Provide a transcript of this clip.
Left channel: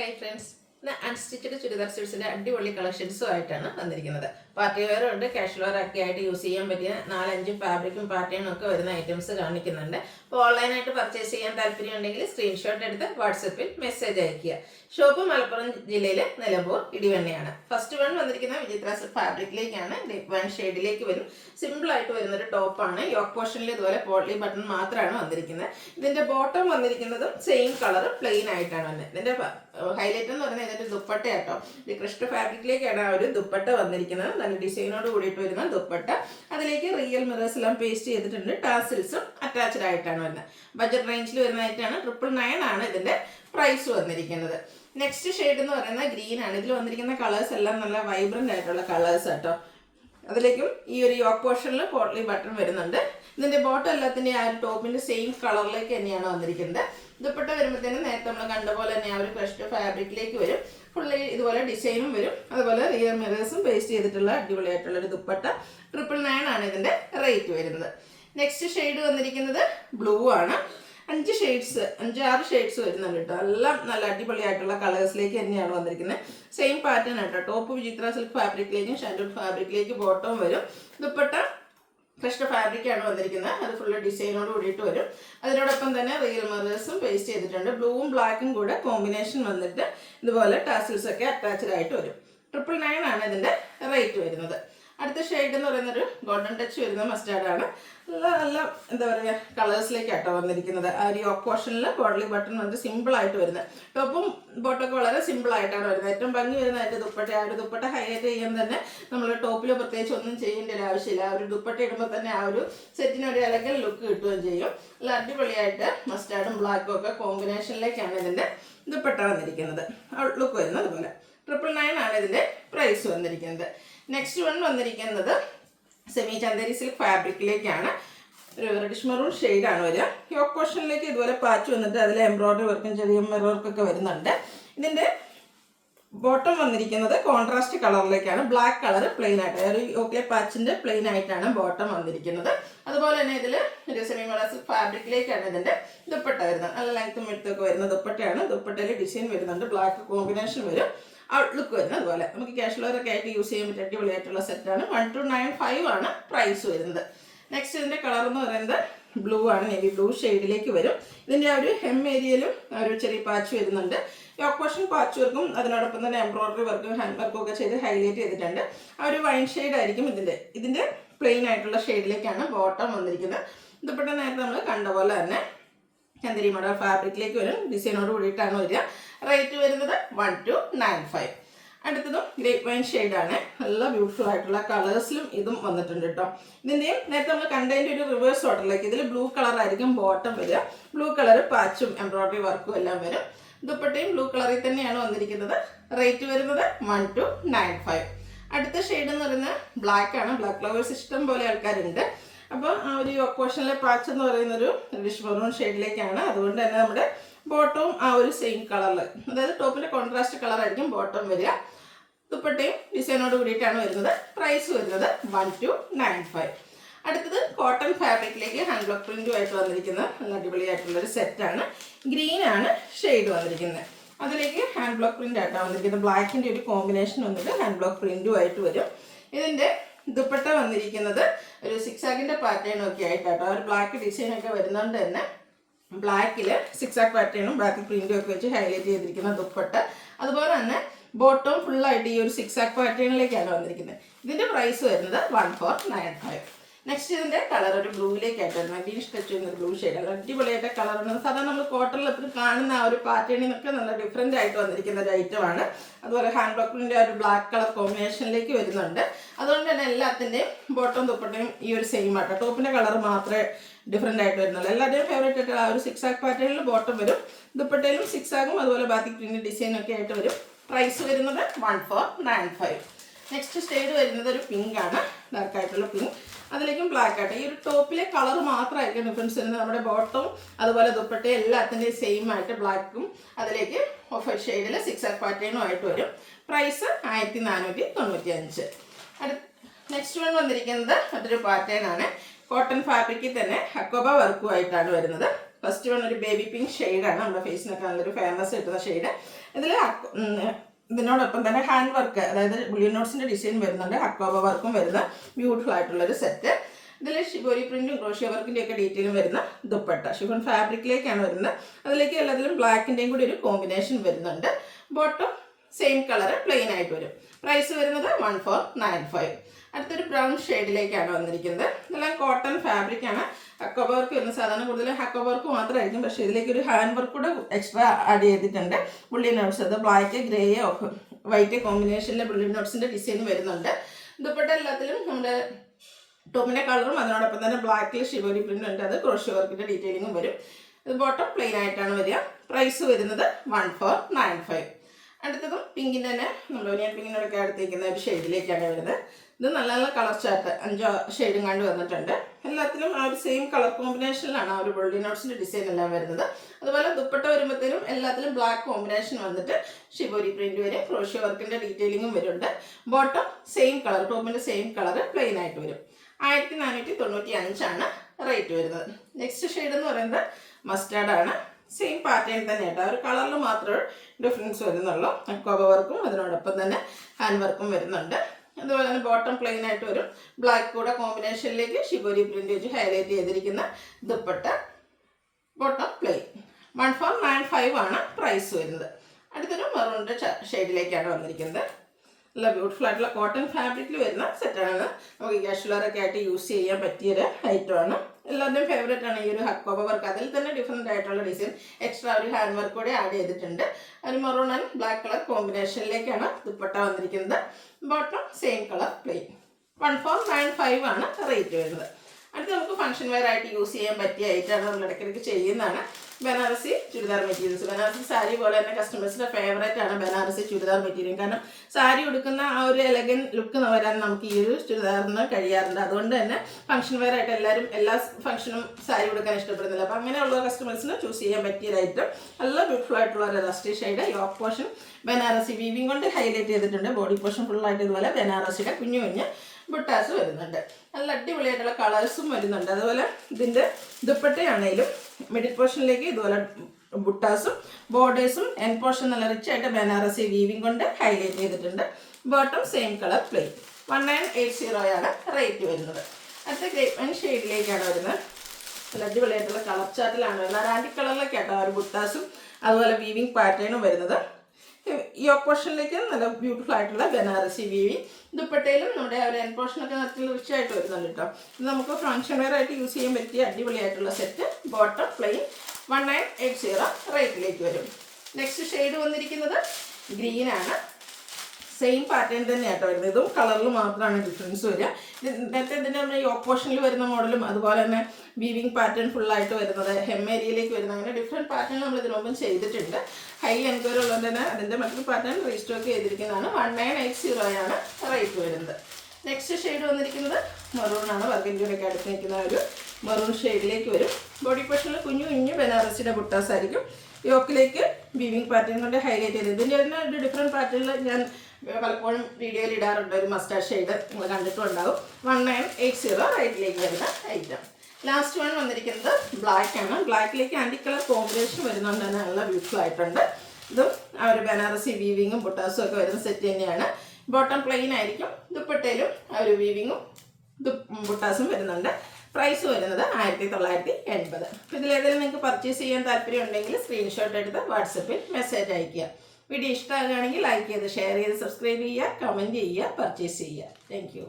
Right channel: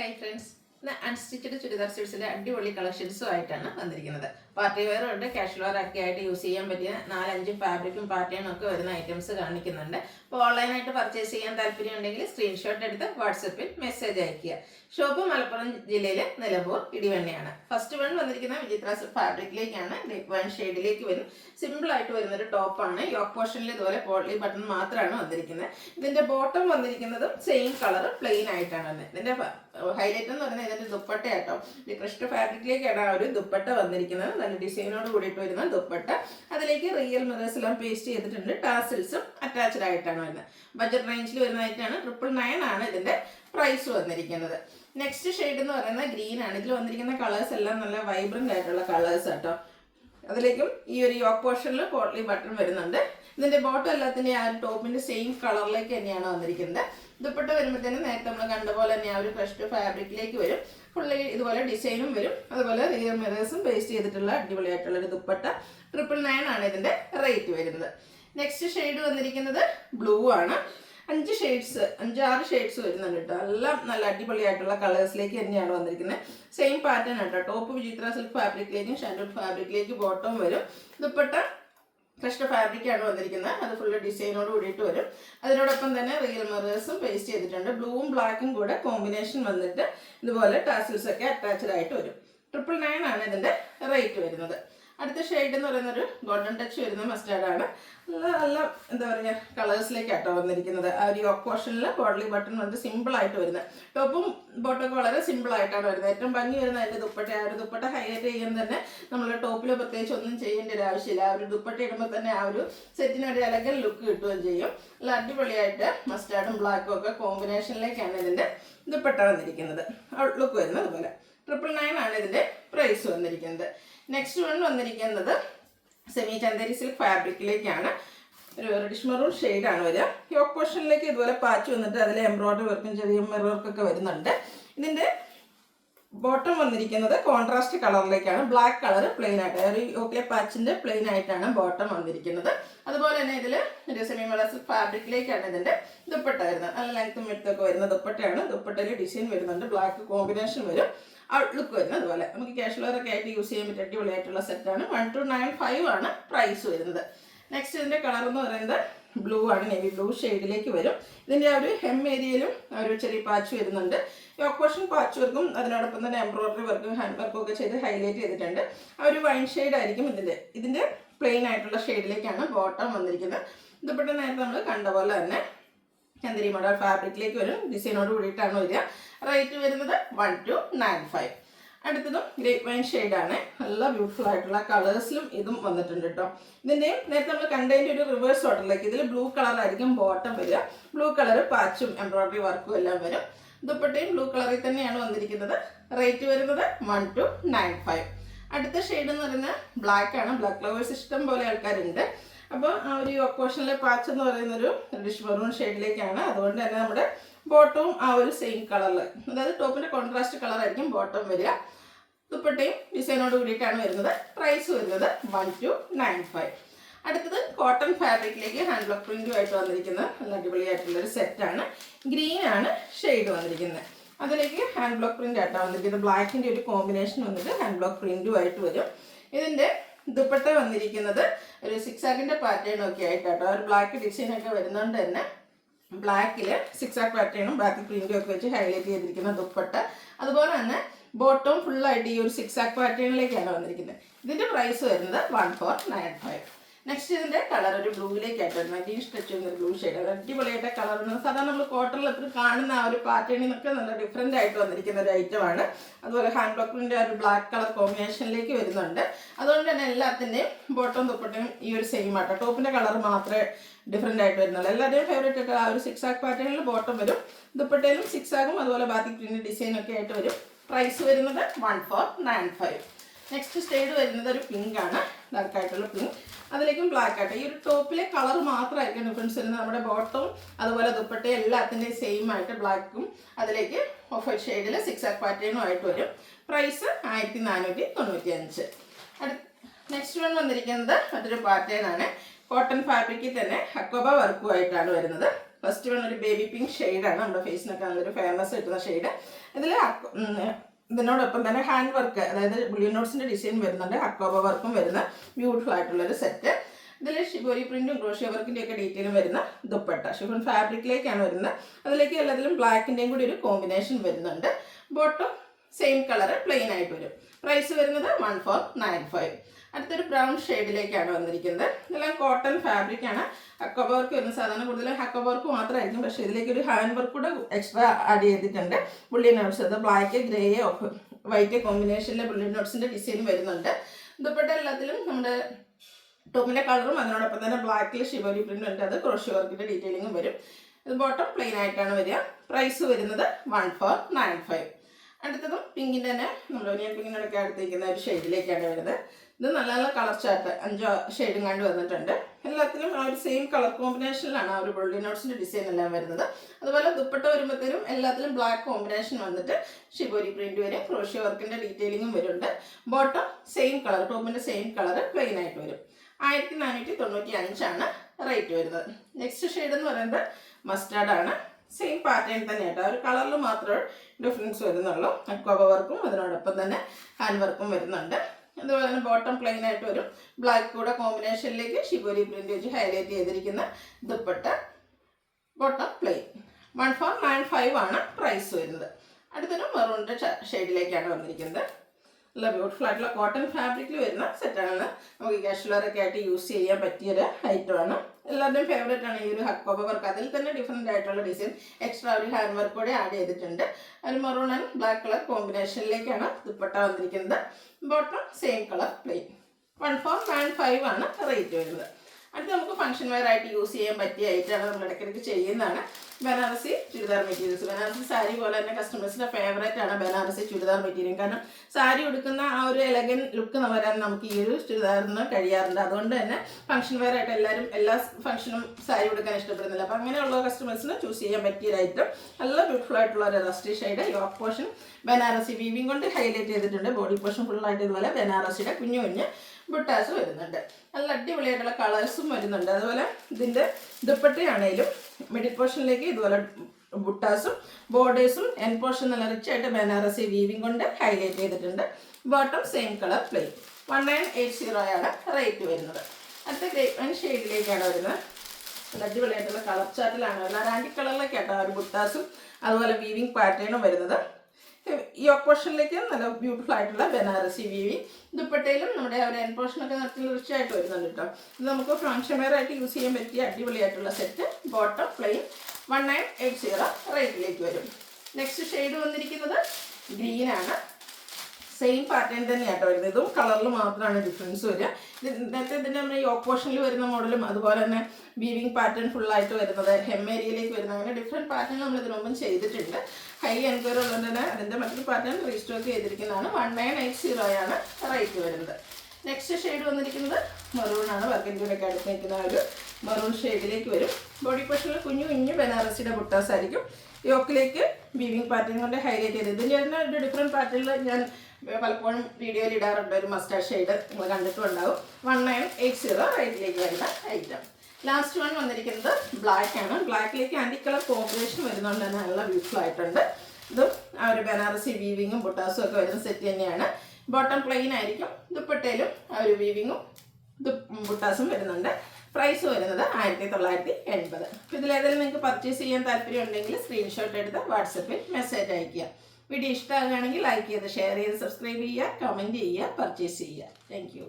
Hi friends, ഇന്ന് unstitched churidar സ്യൂട്ട്സിൻ്റെ അടിപൊളി കളക്ഷൻസുമായിട്ടാണ് വന്നിരിക്കുന്നത്. പാർട്ടി വെയറും ഉണ്ട്, കാഷ്വൽ വെയർ ഒക്കെ ആയിട്ട് യൂസ് ചെയ്യാൻ പറ്റിയ 4-5 ഫാബ്രിക്കും പാറ്റേണും ഒക്കെ വരുന്ന ഐറ്റംസ് കാണിക്കുന്നുണ്ട്. അപ്പോൾ ഓൺലൈനായിട്ട് പർച്ചേസ് ചെയ്യാൻ താല്പര്യം ഉണ്ടെങ്കിൽ സ്ക്രീൻഷോട്ട് എടുത്ത് വാട്സപ്പിൽ മെസ്സേജ് അയയ്ക്കുക. ഷോപ്പ് മലപ്പുറം ജില്ലയിലെ നിലമ്പൂർ ഇടിവണ്ണയാണ്. ഫസ്റ്റ് വൺ വന്നിരിക്കുന്ന വിചിത്ര ഫാബ്രിക്കിലേക്കാണ്. നെക്ക് വൺ ഷെയ്ഡിലേക്ക് വരും. സിമ്പിൾ ആയിട്ട് വരുന്നൊരു ടോപ്പാണ്. യോക്ക് പോർഷനിൽ ഇതുപോലെ പോട്ട്ലി ബട്ടൺ മാത്രമാണ് വന്നിരിക്കുന്നത്. ഇതിന്റെ ബോട്ടം വന്നിരിക്കുന്നതും സെയിം കളർ പ്ലെയിൻ ആയിട്ടാണ് വന്നത്. ഇതിന്റെ ഹൈലൈറ്റ് എന്ന് പറയുന്നത് ഇതിന്റെ ദുപ്പട്ട കേട്ടോ. ഈ ക്രിസ്റ്റ ഫാബ്രിക്കിലേക്കാണ് ആ ഒരു ദുപ്പട്ട വന്നിരിക്കുന്നത്. നല്ല ഡിസൈനോട് കൂടിയിട്ട് വരുന്ന ദുപ്പട്ട. അതിലേക്ക് റിയൽ മിറേഴ്സ് എല്ലാം പേസ്റ്റ് ചെയ്തിട്ടുണ്ട്. ടാസിൽസും അറ്റാച്ച്ഡ് ആയിട്ടാണ് വരുന്നത്. ബഡ്ജറ്റ് റേഞ്ചിൽ വരുന്നതായിട്ടാണ്. 999 ആണ് ഇതിന്റെ പ്രൈസ് വന്നിരിക്കുന്നത്. നെക്സ്റ്റ് ഷെയ്ഡ് എന്ന് പറയുന്നത് ഗ്രീൻ ആണ്. ഇതിൽ വന്നിരിക്കുന്ന കളേഴ്സ് എല്ലാം നല്ല വൈബ്രന്റ് ആയിട്ടുള്ള കളേഴ്സ് കേട്ടോ. അതിലേക്കും ഈ ഒരു യോക്ക് പോർഷനിൽ പോട്ട്ലി ബട്ടൺ വരുന്നുണ്ട്. ഇതിന്റെ ബോട്ടം എല്ലാത്തിന്റെ ആ ഒരു ടോപ്പിന്റെ സെയിം കളറിലേക്ക് തന്നെയാണ് വന്നിരിക്കുന്നത്. ദുപ്പട്ട വരുമ്പോഴത്തേനും നേരത്തെ നമ്മൾ കണ്ട പോലെ തന്നെ ആ ഒരു ക്രഷ്ഡ് ഫാബ്രിക്കിലേക്ക് വരും. ഫുള്ളി ഇതുപോലെ ഡിസൈനും വരും. അതുപോലെ റിയൽ മിറേഴ്സും പേസ്റ്റ് ചെയ്തിട്ടുള്ള അടിപൊളിയായിട്ടുള്ള ഒരു ദുപ്പട്ട. 999 ആണ് ഇതിന്റെ റേറ്റ് വരുന്നത്. നെക്സ്റ്റ് ഷെയ്ഡ് വന്നിരിക്കുന്നത് ബ്ലൂ ആണ്. 5-6 ഷെയ്ഡ്സ് വരുന്നുണ്ട് കേട്ടോ. എല്ലാം നല്ല അടിപൊളിയായിട്ടുള്ള കളേഴ്സിലേക്ക് തന്നെയാണ് വന്നിരിക്കുന്നത്. സെയിം പാറ്റേൺ കേട്ടോ. ടോപ്പ് വിചിത്ര സിൽക്ക് ഫാബ്രിക്കിലേക്കും ഷാൻഡൂൺ ഫാബ്രിക്കിലേക്ക് ബോട്ടവും വരും. ദുപ്പട്ട ക്രഷ്ഡ് ഫാബ്രിക്കാണ് വന്നിരിക്കുന്നത്. അത് ഫുള്ള് ഡിസൈനോട് കൂടിയിട്ട് വരും. അതിനോടൊപ്പം തന്നെ റിയൽ മിറേഴ്സും പേസ്റ്റ് ചെയ്തിട്ടുണ്ട്. ബ്ലൂവും ബ്ലാക്കും കൂടെ കോമ്പിനേഷൻ വന്നിട്ട് ഇതുപോലെ ടാസിൽസ് ഒക്കെ അറ്റാച്ച്ഡ് ആയിട്ട് വരും. 999 ആണ് ഇതിന്റെ റേറ്റ് വരുന്നത്. അടുത്ത ഷെയ്ഡ് എന്ന് പറയുന്നൊരു ഗോൾഡൻ ടച്ച് വരുന്ന മസ്റ്റാർഡാണ്. നല്ല എന്താ പറയുക കളേഴ്സിലേക്കാട്ടോ വന്നിരിക്കുന്നത്. ആ ഒരു യോക്ക് പോർഷനിൽ പോട്ട്ലി ബട്ടൺ വന്നിട്ട് സിമ്പിൾ ആയിട്ട് വരുന്നത്. ടോപ്പും ബോട്ടൊക്കെ വളരെ സിമ്പിൾ ആയിട്ടാണ് വരുന്നത്. ഏറ്റവും ഭംഗി വരുന്നത് അതിൻ്റെ ദുപ്പട്ട. ആ ഒരു ദുപ്പട്ട ഹൈലൈറ്റ് ചെയ്യാൻ തന്നെ നമ്മൾ ടോപ്പിൽ പ്രത്യേകിച്ച് ഒന്നും ചെയ്യേണ്ട ഒരു ആവശ്യമില്ല. ആ ഒരു ദുപ്പട്ട ഇടുമ്പോൾ തന്നെ ആ ഒരു സെറ്റിന് ഒരു എലഗൻ ലുക്ക് കിട്ടുകയും ചെയ്യും. നല്ല അടിപൊളിയായിട്ട് മസ്റ്റാർഡും ബ്ലാക്കും ഒക്കെ കോമ്പിനേഷനിലേക്കാണ് ഇതിൻ്റെ ദുപ്പട്ട വന്നിരിക്കുന്നത്. ലുക്ക് വരുന്നത് അതുപോലെ. 999 ആണ് ഇതിൻ്റെ പ്രൈസ് വന്നിരിക്കുന്നത്. നെക്സ്റ്റ് വൺ വന്നിരിക്കുന്നത് സെമി ചന്ദേരി സിൽക്ക് ഫാബ്രിക്കിലേക്കാണ്. ഒരു റെഡിഷ് മെറൂൺ ഷെയ്ഡാണ് വരിക. യോക്ക് പോർഷനിലേക്ക് ഇതുപോലെ പാച്ച് വന്നിട്ട് അതിൽ എംബ്രോയ്ഡറി വർക്കും ചെറിയ മിറർ വർക്കൊക്കെ വരുന്നുണ്ട്. ഇതിൻ്റെ ബോട്ടം വന്നിരിക്കുന്നത് കോൺട്രാസ്റ്റ് കളറിലേക്കാണ്. ബ്ലാക്ക് കളർ പ്ലെയിൻ ആയിട്ട് ഒരു യോക്കിലെ പാച്ചിൻ്റെ പ്ലെയിൻ ആയിട്ടാണ് ബോട്ടം വന്നിരിക്കുന്നത്. അതുപോലെ തന്നെ ഇതിൽ ഒരു സെമി സിൽക്ക് ഫാബ്രിക്കിലേക്കാണ് ഇതിൻ്റെ ദുപ്പട്ട വരുന്നത്. നല്ല ലെങ്ത്തും വിഡ്ത്തും വരുന്ന ദുപ്പട്ടയാണ്. ദുപ്പട്ടയിൽ ഡിസൈൻ വരുന്നുണ്ട്. ബ്ലാക്ക് കോമ്പിനേഷൻ വരും. ഔട്ട്ലുക്ക് വരുന്നത് അതുപോലെ. നമുക്ക് കാഷ്വൽ വെയർ ഒക്കെ ആയിട്ട് യൂസ് ചെയ്യാൻ പറ്റിയ അടിപൊളിയായിട്ടുള്ള സെറ്റാണ്. 1295 ആണ് പ്രൈസ് വരുന്നത്. നെക്സ്റ്റ് ഇതിൻ്റെ കളർ എന്ന് പറയുന്നത് ബ്ലൂ ആണ്. നേവി ബ്ലൂ ഷെയ്ഡിലേക്ക് വരും. ഇതിൻ്റെ ആ ഒരു ഹെം ഏരിയയിലും ഒരു ചെറിയ പാച്ച് വരുന്നുണ്ട്. യോക്ക് പോർഷൻ പാച്ച് വർക്കും അതിനോടൊപ്പം തന്നെ എംബ്രോയ്ഡറി വർക്കും ഹാൻഡ് വർക്കും ഒക്കെ ചെയ്ത് ഹൈലൈറ്റ് ചെയ്തിട്ടുണ്ട്. ആ ഒരു വൈൻ ഷെയ്ഡ് ആയിരിക്കും ഇതിൻ്റെ പ്ലെയിൻ ആയിട്ടുള്ള ഷെയ്ഡിലേക്കാണ് ബോട്ടം വന്നിരിക്കുന്നത്. ദുപ്പട്ട നേരത്തെ നമ്മൾ കണ്ട പോലെ തന്നെ ചന്ദേരി മോഡൽ ഫാബ്രിക്കിലേക്ക് വരും. ഡിസൈനോട് കൂടിയിട്ടാണ് വരിക. റേറ്റ് വരുന്നത് 1295. അടുത്തതും ഗ്രേപ്പ് വൈൻ ഷെയ്ഡാണ്. നല്ല ബ്യൂട്ടിഫുൾ ആയിട്ടുള്ള കളേഴ്സിലും ഇതും വന്നിട്ടുണ്ട് കേട്ടോ. ഇതിൻ്റെയും നേരത്തെ നമ്മൾ കണ്ടതിൻ്റെ ഒരു റിവേഴ്സ് ഓർഡറിലേക്ക് ഇതിൽ ബ്ലൂ കളറായിരിക്കും ബോട്ടം വരിക. ബ്ലൂ കളർ പാച്ചും എംബ്രോയ്ഡറി വർക്കും എല്ലാം വരും. ദുപ്പട്ടയും ബ്ലൂ കളറിൽ തന്നെയാണ് വന്നിരിക്കുന്നത്. റേറ്റ് വരുന്നത് 1295. അടുത്ത ഷെയ്ഡ് എന്ന് പറയുന്നത് ബ്ലാക്ക് ആണ്. ബ്ലാക്ക് ഫ്ലവേഴ്സ് ഇഷ്ടം പോലെ ആൾക്കാരുണ്ട്. അപ്പോൾ ആ ഒരു യോക്ക് പോർഷനിലെ പാച്ച് എന്ന് പറയുന്നൊരു റെഡിഷ് മെറൂൺ ഷെയ്ഡിലേക്കാണ്. അതുകൊണ്ട് തന്നെ നമ്മുടെ ബോട്ടവും ആ ഒരു സെയിം കളറിൽ, അതായത് ടോപ്പിൻ്റെ കോൺട്രാസ്റ്റ് കളറായിരിക്കും ബോട്ടം വരിക. ദുപ്പട്ടയും ഡിസൈനോട് കൂടിയിട്ടാണ് വരുന്നത്. പ്രൈസ് വരുന്നത് 1295. അടുത്തത് കോട്ടൺ ഫാബ്രിക്കിലേക്ക് ഹാൻഡ് ബ്ലോക്ക് പ്രിന്റുമായിട്ട് വന്നിരിക്കുന്ന നല്ല അടിപൊളിയായിട്ടുള്ളൊരു സെറ്റാണ്. ഗ്രീൻ ആണ് ഷെയ്ഡ് വന്നിരിക്കുന്നത്. അതിലേക്ക് ഹാൻഡ് ബ്ലോക്ക് പ്രിന്റ് ആയിട്ടാണ് വന്നിരിക്കുന്നത്. ബ്ലാക്കിൻ്റെ ഒരു കോമ്പിനേഷൻ വന്നിട്ട് ഹാൻഡ് ബ്ലോക്ക് പ്രിന്റുമായിട്ട് വരും. ഇതിൻ്റെ ദുപ്പട്ട വന്നിരിക്കുന്നത് ഒരു സിക്സാക്കിൻ്റെ പാറ്റേണും ഒക്കെ ആയിട്ടാട്ടോ. ഒരു ബ്ലാക്ക് ഡിസൈനൊക്കെ വരുന്നതുകൊണ്ട് തന്നെ ബ്ലാക്കിൽ സിക്സാക്ക് പാറ്റേണും ബ്ലാക്ക് പ്രിന്റും ഒക്കെ വെച്ച് ഹൈലൈറ്റ് ചെയ്തിരിക്കുന്ന ദുപ്പട്ട. അതുപോലെ തന്നെ ബോട്ടവും ഫുള്ളായിട്ട് ഈ ഒരു സിക്സാക്ക് പാറ്റേണിലേക്കാണ് വന്നിരിക്കുന്നത്. ഇതിൻ്റെ പ്രൈസ് വരുന്നത് 1495. നെക്സ്റ്റ് ഇതിൻ്റെ കളർ ഒരു ബ്ലൂവിലേക്കായിട്ട് വരുന്നത്. ഗ്രീൻ ടച്ച് ചെയ്യുന്ന ബ്ലൂ ഷെയ്ഡ്. അടിപൊളിയായിട്ട് കളർ വന്നത് സാധാരണ നമ്മൾ കോട്ടണിൽ എപ്പോഴും കാണുന്ന ആ ഒരു പാറ്റേണിൽ നിന്നൊക്കെ നല്ല ഡിഫറെൻ്റ് ആയിട്ട് വന്നിരിക്കുന്ന ഒരു ഐറ്റമാണ്. അതുപോലെ ഹാൻഡ് ബ്ലോക്കിൻ്റെ ഒരു ബ്ലാക്ക് കളർ കോമ്പിനേഷനിലേക്ക് വരുന്നുണ്ട്. അതുകൊണ്ട് തന്നെ എല്ലാത്തിൻ്റെയും ബോട്ടം ദുപ്പട്ടയും ഈ ഒരു സെയിം ആട്ടോ. ടോപ്പിൻ്റെ കളർ മാത്രമേ ഡിഫറെൻ്റ് ആയിട്ട് വരുന്നുള്ളൂ. എല്ലാവരുടെയും ഫേവറേറ്റ് ആയിട്ട് ആ ഒരു സിക്സാക്ക് പാറ്റേണിൽ ബോട്ടം വരും. ദുപ്പട്ടയിലും സിക്സാക്കും അതുപോലെ ബാക്കി പ്രിന്റ് ഡിസൈനൊക്കെ ആയിട്ട് വരും. പ്രൈസ് വരുന്നത് 1495. നെക്സ്റ്റ് ഷെയ്ഡ് വരുന്നത് ഒരു പിങ്ക് ആണ്. ഡാർക്ക് ആയിട്ടുള്ള പിങ്ക്. അതിലേക്കും ബ്ലാക്ക് ആയിട്ട് ഈ ഒരു ടോപ്പിലെ കളർ മാത്രമായിരിക്കും ഡിഫറൻസ് വരുന്നത്. നമ്മുടെ ബോട്ടവും അതുപോലെ ദുപ്പട്ടയും എല്ലാത്തിൻ്റെയും സെയിം ആയിട്ട് ബ്ലാക്കും അതിലേക്ക് ഓഫ് വൈറ്റ് ഷെയ്ഡിൽ സിക്സാക്ക് പാറ്റേണും ആയിട്ട് വരും. പ്രൈസ് 1495. നെക്സ്റ്റ് വൺ വന്നിരിക്കുന്നത് മറ്റൊരു പാറ്റേൺ ആണ്. കോട്ടൺ ഫാബ്രിക്കിൽ തന്നെ ഹക്കോബ വർക്കുമായിട്ടാണ് വരുന്നത്. ഫസ്റ്റ് വൺ ഒരു ബേബി പിങ്ക് ഷെയ്ഡാണ്, നമ്മുടെ ഫേസിനൊക്കെ നല്ലൊരു ഫേമസ് കിട്ടുന്ന ഷെയ്ഡ്. ഇതിൽ ഇതിനോടൊപ്പം തന്നെ ഹാൻഡ് വർക്ക്, അതായത് ബുള്ളിയൻ നോട്ട്സിൻ്റെ ഡിസൈൻ വരുന്നുണ്ട്, അക്കോബ വർക്കും വരുന്ന ബ്യൂട്ടിഫുൾ ആയിട്ടുള്ളൊരു സെറ്റ്. ഇതിൽ ഷിബോരി പ്രിന്റും ക്രോഷ്യ വർക്കിൻ്റെ ഒക്കെ ഡീറ്റെയിലും വരുന്ന ദുപ്പട്ട ഷിഫോൺ ഫാബ്രിക്കിലേക്കാണ് വരുന്നത്. അതിലേക്ക് എല്ലാത്തിലും ബ്ലാക്കിൻ്റെയും കൂടി ഒരു കോമ്പിനേഷൻ വരുന്നുണ്ട്. ബോട്ടം സെയിം കളർ പ്ലെയിൻ ആയിട്ട് വരും. പ്രൈസ് വരുന്നത് 1495. അടുത്തൊരു ബ്രൗൺ ഷെയ്ഡിലേക്കാണ് വന്നിരിക്കുന്നത്. ഇതെല്ലാം കോട്ടൺ ഫാബ്രിക് ആണ്. ഹക്കോബ വർക്ക് വരുന്ന സാധാരണ കൂടുതലും ഹക്കോബ വർക്ക് മാത്രമായിരിക്കും, പക്ഷേ ഇതിലേക്ക് ഒരു ഹാൻഡ് വർക്ക് കൂടെ എക്സ്ട്രാ ആഡ് ചെയ്തിട്ടുണ്ട്. ബുള്ളിയൻ നോട്ട്സ്, അത് ബ്ലാക്ക് ഗ്രേ ഓഫ് വൈറ്റ് കോമ്പിനേഷനിലെ ബുള്ളിയൻ നോട്ട്സിൻ്റെ ഡിസൈൻ വരുന്നുണ്ട്. ദുപ്പട്ട എല്ലാത്തിലും നമ്മുടെ ടോപ്പിൻ്റെ കളറും അതിനോടൊപ്പം തന്നെ ബ്ലാക്കിൽ ഷിബോരി പ്രിന്റ് ഉണ്ട്, അത് ക്രോഷ്യ വർക്കിൻ്റെ ഡീറ്റെയിലിങ്ങും വരും. ഇത് ബോട്ടം പ്ലെയിൻ ആയിട്ടാണ് വരിക. പ്രൈസ് വരുന്നത് 1495. അടുത്തതും പിങ്കിൻ്റെ തന്നെ നമ്മൾ ഒനിയൻ പിങ്കിനൊക്കെ അടുത്തേക്കുന്ന ഒരു ഷെയ്ഡിലേക്കാണ് വരുന്നത്. ഇത് നല്ല നല്ല കളർ ചാർട്ട് 5 ഷെയ്ഡും കണ്ടു വന്നിട്ടുണ്ട്. എല്ലാത്തിലും ആ ഒരു സെയിം കളർ കോമ്പിനേഷനിലാണ് ആ ഒരു ബുള്ളി നോട്ട്സിൻ്റെ ഡിസൈൻ എല്ലാം വരുന്നത്. അതുപോലെ ദുപ്പട്ട വരുമ്പോഴത്തേനും എല്ലാത്തിലും ബ്ലാക്ക് കോമ്പിനേഷൻ വന്നിട്ട് ഷിബോരി പ്രിന്റ് വരും, ക്രോഷ്യ വർക്കിൻ്റെ ഡീറ്റെയിലിങ്ങും വരുന്നുണ്ട്. ബോട്ടം സെയിം കളർ, ടോപ്പിൻ്റെ സെയിം കളർ പ്ലെയിൻ ആയിട്ട് വരും. 1495 റേറ്റ് വരുന്നത്. നെക്സ്റ്റ് ഷെയ്ഡ് എന്ന് പറയുന്നത് മസ്റ്റാർഡ് ആണ്. സെയിം പാറ്റേൺ തന്നെ കേട്ടോ, ഒരു കളറിൽ മാത്രമേ ഡിഫറൻസ് വരുന്നുള്ളൂ. അക്കോബ വർക്കും അതിനോടൊപ്പം തന്നെ ഹാൻഡ് വർക്കും വരുന്നുണ്ട്. അതുപോലെ തന്നെ ബോട്ടം പ്ലെയിൻ ആയിട്ട് വരും. ബ്ലാക്ക് കൂടെ കോമ്പിനേഷനിലേക്ക് ഷിബോരി പ്രിന്റ് വെച്ച് ഹൈലൈറ്റ് ചെയ്തിരിക്കുന്ന ദുപ്പട്ട. Bottom plain. 1495 പ്രൈസ് വരുന്നത്. അടുത്തൊരു മെറൂണിൻ്റെ ഷെയ്ഡിലേക്കാണ് വന്നിരിക്കുന്നത്. നല്ല ബ്യൂട്ടിഫുൾ ആയിട്ടുള്ള കോട്ടൺ ഫാബ്രിക്കിൽ വരുന്ന സെറ്റാണ്. നമുക്ക് കാഷ്വലറൊക്കെ ആയിട്ട് യൂസ് ചെയ്യാൻ പറ്റിയൊരു ഐറ്റമാണ്. എല്ലാവരുടെയും ഫേവറേറ്റ് ആണ് ഈ ഒരു ഹക്കോബ വർക്ക്. അതിൽ തന്നെ ഡിഫറെൻ്റ് ആയിട്ടുള്ള ഡിസൈൻ എക്സ്ട്രാ ഒരു ഹാൻഡ് വർക്ക് കൂടെ ആഡ് ചെയ്തിട്ടുണ്ട്. ഒരു മെറൂൺ ആൻഡ് ബ്ലാക്ക് കളർ കോമ്പിനേഷനിലേക്കാണ് ദുപ്പട്ട വന്നിരിക്കുന്നത്. Bottom same colour plain. 1495 rate വരുന്നത്. അടുത്ത് നമുക്ക് ഫംഗ്ഷൻ വെയർ ആയിട്ട് യൂസ് ചെയ്യാൻ പറ്റിയ ഐറ്റമാണ്, നമ്മൾ ഇടയ്ക്കിടയ്ക്ക് ചെയ്യുന്നതാണ്. ബനാറസി ചുരിദാർ മെറ്റീരിയൽസ്. ബനാറസി സാരി പോലെ തന്നെ കസ്റ്റമേഴ്സിൻ്റെ ഫേവറേറ്റ് ആണ് ബനാറസി ചുരിദാർ മെറ്റീരിയൽ. കാരണം സാരി ഉടുക്കുന്ന ആ ഒരു എലഗൻ ലുക്ക് വരാൻ നമുക്ക് ഈ ഒരു ചുരിദാറിന് കഴിയാറുണ്ട്. അതുകൊണ്ട് തന്നെ ഫംഗ്ഷൻ വെയർ ആയിട്ട് എല്ലാവരും എല്ലാ ഫംഗ്ഷനും സാരി ഉടുക്കാൻ ഇഷ്ടപ്പെടുന്നില്ല. അപ്പോൾ അങ്ങനെയുള്ള കസ്റ്റമേഴ്സിന് ചൂസ് ചെയ്യാൻ പറ്റിയ ഐറ്റം. നല്ല ബ്യൂട്ടിഫുൾ ആയിട്ടുള്ള ഒരു rusty shade. Yoke portion Banarasi weaving കൊണ്ട് ഹൈലൈറ്റ് ചെയ്തിട്ടുണ്ട്. ബോഡി പോർഷൻ ഫുള്ളായിട്ട് ഇതുപോലെ ബനാറസിയുടെ കുഞ്ഞു കുഞ്ഞ് ബുട്ടാസ് വരുന്നുണ്ട്. നല്ല അടിപൊളിയായിട്ടുള്ള കളേഴ്സും വരുന്നുണ്ട്. അതുപോലെ ഇതിൻ്റെ ദുപ്പട്ടയാണേലും മിഡിൽ പോർഷനിലേക്ക് ഇതുപോലെ ബുട്ടാസും ബോർഡേഴ്സും എൻ പോർഷൻ നല്ല റിച്ച് ആയിട്ട് ബനാറസി വീവിങ് കൊണ്ട് ഹൈലൈറ്റ് ചെയ്തിട്ടുണ്ട്. Bottom same colour plain. 1980 rate വരുന്നത്. അടുത്ത ഗ്രേപ്പ് ആൻഡ് ഷെയ്ഡിലേക്കാണ് വരുന്നത്. നല്ല അടിപൊളിയായിട്ടുള്ള കളർ ചാർട്ടിലാണ് വരുന്നത്. ആൻറ്റി കളറിലൊക്കെ ആട്ടോ ആ ഒരു ബുട്ടാസും അതുപോലെ വീവിങ് പാറ്റേണും വരുന്നത്. ഈ പോർഷനിലേക്ക് നല്ല ബ്യൂട്ടിഫുൾ ആയിട്ടുള്ള ബനാറസി വീവിങ്. ദുപ്പട്ടയിലും നമ്മുടെ ഒരു എൻ പോർഷനൊക്കെ നല്ല റിച്ച് ആയിട്ട് വരുന്നുണ്ട് കേട്ടോ. ഇത് നമുക്ക് ഫംഗ്ഷൻ വെയർ ആയിട്ട് യൂസ് ചെയ്യാൻ പറ്റിയ അടിപൊളിയായിട്ടുള്ള സെറ്റ്. Bottom plain. 1980 റേറ്റിലേക്ക് വരും. നെക്സ്റ്റ് ഷെയ്ഡ് വന്നിരിക്കുന്നത് ഗ്രീൻ ആണ്. സെയിം പാറ്റേൺ തന്നെ ആട്ടോ വരുന്നത്. ഇതും കളറിൽ മാത്രമാണ് ഡിഫറൻസ് വരിക. നേരത്തെ ഇതിൻ്റെ നമ്മൾ ഈ ഓപ്പോഷനിൽ വരുന്ന മോഡലും അതുപോലെ തന്നെ വീവിങ് പാറ്റേൺ ഫുള്ളായിട്ട് വരുന്നത്, ഹെം ഏരിയയിലേക്ക് വരുന്നത്, അങ്ങനെ ഡിഫറെൻറ്റ് പാറ്റേൺ നമ്മൾ ഇതിനൊപ്പം ചെയ്തിട്ടുണ്ട്. ഹൈ എൻക്വയറി ഉള്ളത് തന്നെ അതിൻ്റെ മറ്റൊരു പാറ്റേൺ റീസ്റ്റോക്ക് ചെയ്തിരിക്കുന്നതാണ്. 1980 റേറ്റ് വരുന്നത്. നെക്സ്റ്റ് ഷെയ്ഡ് വന്നിരിക്കുന്നത് മെറൂൺ ആണ്. വർക്കിൻ്റെയൊക്കെ അടുത്ത് നിൽക്കുന്ന ഒരു മെറൂൺ ഷെയ്ഡിലേക്ക് വരും. ബോഡി പോർഷനിൽ കുഞ്ഞു കുഞ്ഞു ബനാറസിയുടെ ബുട്ടാസ് ആയിരിക്കും. യോക്കിലേക്ക് വീവിങ് പാറ്റേൺ കൊണ്ട് ഹൈലൈറ്റ് ചെയ്ത് ഇതിൻ്റെ തന്നെ ഒരു ഡിഫറെൻറ്റ് പാറ്റേണിൽ ഞാൻ പലപ്പോഴും വീഡിയോയിൽ ഇടാറുണ്ട്. ഒരു മസ്റ്റാർഡ് ഷെയ്ഡ് നിങ്ങൾ കണ്ടിട്ടുണ്ടാവും. 1980 റേറ്റിലേക്ക് വരുന്ന ഐറ്റം. ലാസ്റ്റ് വൺ വന്നിരിക്കുന്നത് ബ്ലാക്ക് ആണ്. ബ്ലാക്കിലേക്ക് ആൻറ്റി കളർ കോമ്പിനേഷൻ വരുന്നതുകൊണ്ട് തന്നെ നല്ല ബ്യൂട്ടിഫുൾ ആയിട്ടുണ്ട്. ഇതും ആ ഒരു ബനാറസി വീവിങ്ങും ബുട്ടാസും ഒക്കെ വരുന്ന സെറ്റ് തന്നെയാണ്. ബോട്ടം പ്ലെയിൻ ആയിരിക്കും. ദുപ്പട്ടയിലും ആ ഒരു വീവിങ്ങും ബുട്ടാസും വരുന്നുണ്ട്. പ്രൈസ് വരുന്നത് 1980. ഇതിലേതെങ്കിലും നിങ്ങൾക്ക് പർച്ചേസ് ചെയ്യാൻ താല്പര്യം ഉണ്ടെങ്കിൽ സ്ക്രീൻഷോട്ട് എടുത്ത് വാട്സപ്പിൽ മെസ്സേജ് അയയ്ക്കുക. വീഡിയോ ഇഷ്ടമാകുകയാണെങ്കിൽ ലൈക്ക് ചെയ്ത് ഷെയർ ചെയ്ത് സബ്സ്ക്രൈബ് ചെയ്യുക, കമൻറ്റ് ചെയ്യുക, പർച്ചേസ് ചെയ്യുക. Thank you.